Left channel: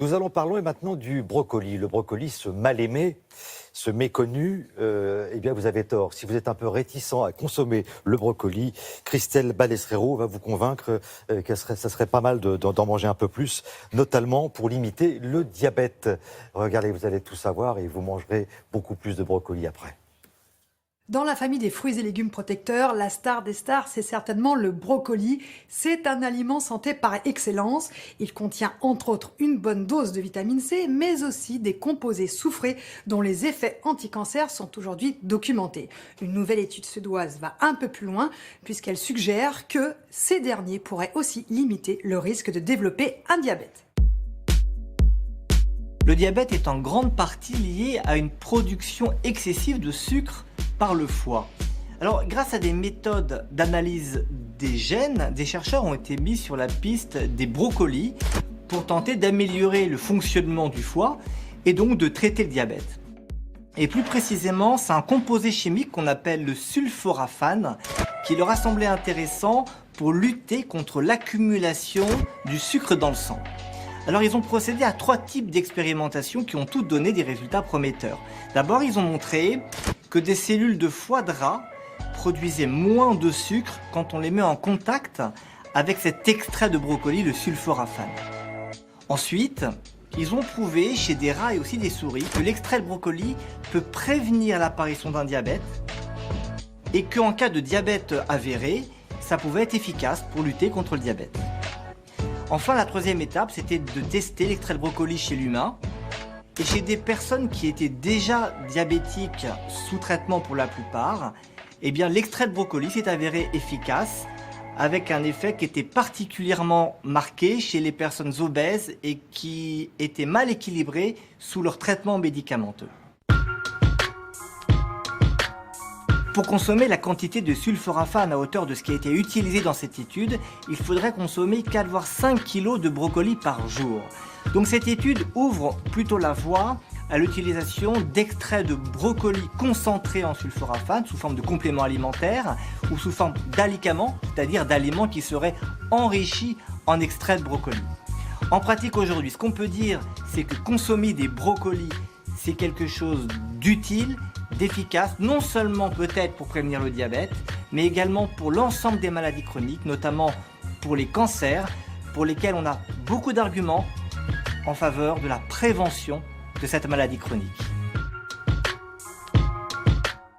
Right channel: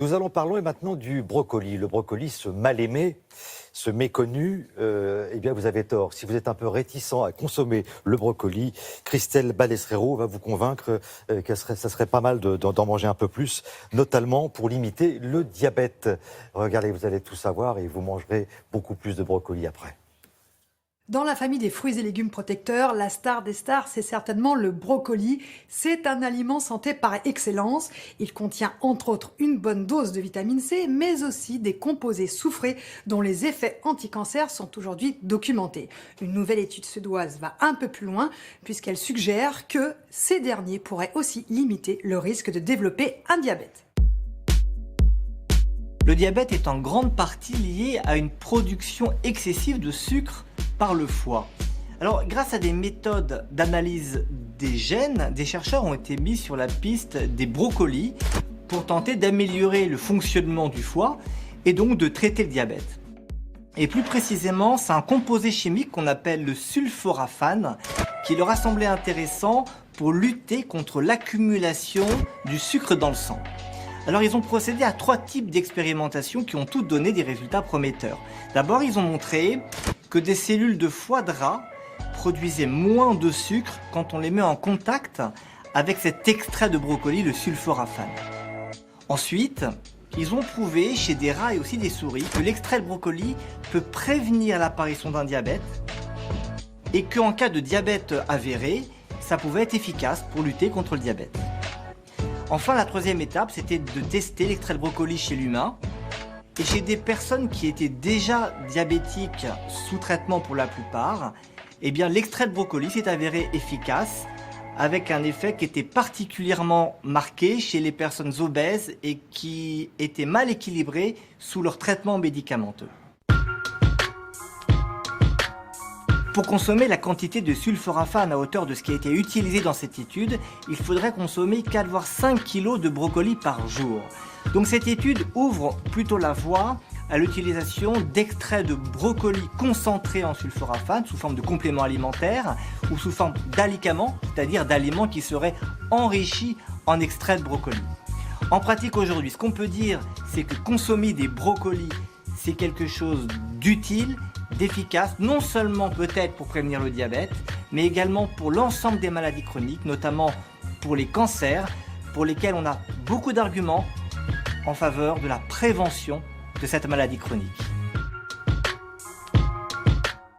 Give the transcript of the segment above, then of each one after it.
Nous allons parler maintenant du brocoli. Le brocoli, ce mal-aimé, ce méconnu, eh bien vous avez tort. Si vous êtes un peu réticent à consommer le brocoli, Christelle Balesrero va vous convaincre ça serait pas mal d'en manger un peu plus, notamment pour limiter le diabète. Regardez, vous allez tout savoir et vous mangerez beaucoup plus de brocoli après. Dans la famille des fruits et légumes protecteurs, la star des stars, c'est certainement le brocoli. C'est un aliment santé par excellence. Il contient entre autres une bonne dose de vitamine C, mais aussi des composés soufrés dont les effets anti-cancer sont aujourd'hui documentés. Une nouvelle étude suédoise va un peu plus loin puisqu'elle suggère que ces derniers pourraient aussi limiter le risque de développer un diabète. Le diabète est en grande partie lié à une production excessive de sucre par le foie. Alors, grâce à des méthodes d'analyse des gènes, des chercheurs ont été mis sur la piste des brocolis pour tenter d'améliorer le fonctionnement du foie et donc de traiter le diabète. Et plus précisément, c'est un composé chimique qu'on appelle le sulforaphane qui leur a semblé intéressant pour lutter contre l'accumulation du sucre dans le sang. Alors ils ont procédé à 3 types d'expérimentations qui ont toutes donné des résultats prometteurs. D'abord, ils ont montré que des cellules de foie gras produisaient moins de sucre quand on les met en contact avec cet extrait de brocoli, le sulforaphane. Ensuite, ils ont prouvé chez des rats et aussi des souris que l'extrait de brocoli peut prévenir l'apparition d'un diabète et qu'en cas de diabète avéré, ça pouvait être efficace pour lutter contre le diabète. Enfin, la troisième étape, c'était de tester l'extrait de brocoli chez l'humain. Et chez des personnes qui étaient déjà diabétiques sous traitement pour la plupart, eh bien, l'extrait de brocoli s'est avéré efficace avec un effet qui était particulièrement marqué chez les personnes obèses et qui étaient mal équilibrées sous leur traitement médicamenteux. Pour consommer la quantité de sulforaphane à hauteur de ce qui a été utilisé dans cette étude, il faudrait consommer 4 voire 5 kg de brocoli par jour. Donc cette étude ouvre plutôt la voie à l'utilisation d'extraits de brocoli concentrés en sulforaphane sous forme de compléments alimentaires ou sous forme d'alicaments, c'est-à-dire d'aliments qui seraient enrichis en extraits de brocoli. En pratique aujourd'hui, ce qu'on peut dire, c'est que consommer des brocolis, c'est quelque chose d'utile, d'efficace, non seulement peut-être pour prévenir le diabète, mais également pour l'ensemble des maladies chroniques, notamment pour les cancers, pour lesquels on a beaucoup d'arguments en faveur de la prévention de cette maladie chronique.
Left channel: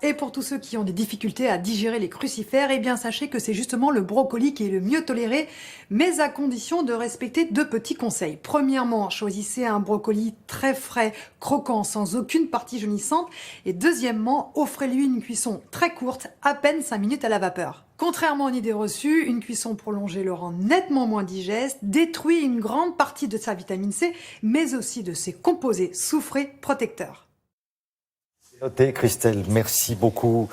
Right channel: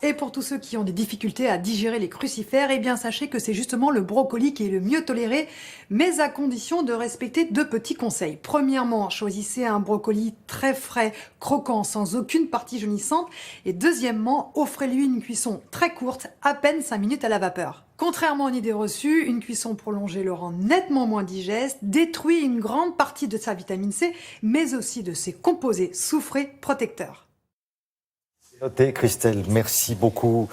Et pour tous ceux qui ont des difficultés à digérer les crucifères, eh bien sachez que c'est justement le brocoli qui est le mieux toléré, mais à condition de respecter 2 petits conseils. Premièrement, choisissez un brocoli très frais, croquant, sans aucune partie jaunissante. Et deuxièmement, offrez-lui une cuisson très courte, à peine 5 minutes à la vapeur. Contrairement aux idées reçues, une cuisson prolongée le rend nettement moins digeste, détruit une grande partie de sa vitamine C, mais aussi de ses composés soufrés protecteurs. Notez, Christelle, merci beaucoup.